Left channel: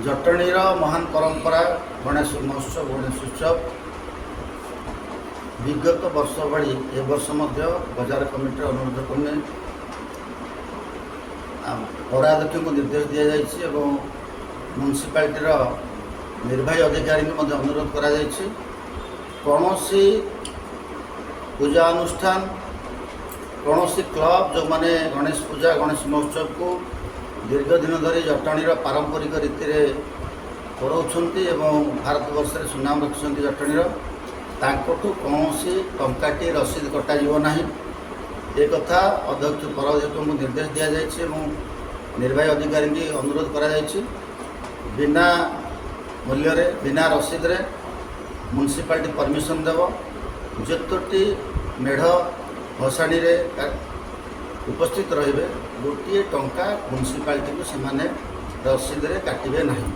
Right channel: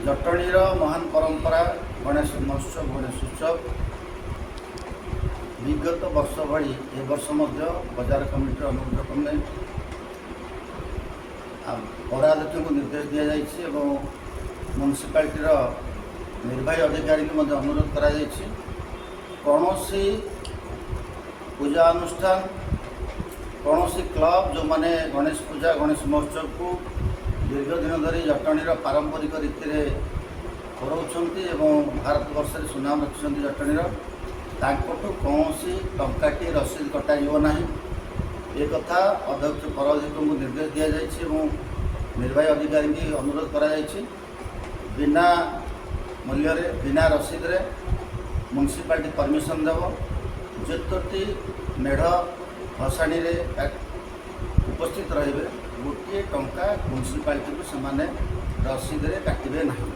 जटणीर महान परंपरा गणेश महोत्सव गणेश उत्सव विगत वर्ष भली ए वर्ष बजार कमिटी अनुरोध क्रमे पौराध्यक्ष को निर्देश दि जाइए म्युनिसिपालिटीर निर्वाही अधिकारी को अनुरोध करा कौन पूजा अनुष्ठान कौन क्लब जो मैंने गणेश पूजा गणेश महोत्सव को दीर्घ दिन धरी जटणीर पारंपरिक रीति कराउछन्ति भारत वर्ष में सुनाम रखिंट जटणीर तांकठू कौन टंकाटी रसीद कटाଯିव ना एक कथा अध्यक्ष पौराध्यक्ष को निर्देश दि जाइए निर्वाही अधिकारी की अनुरोध करा बिना मूल्य बिना रसीद रे म्युनिसिपालिटी परमिशन देव जेतोटी मेढ़ भसाणी उपस्थित रे गोटे टंका म्युनिसिपालिटी को सेमाने रसीद रे काटिबे नहीं।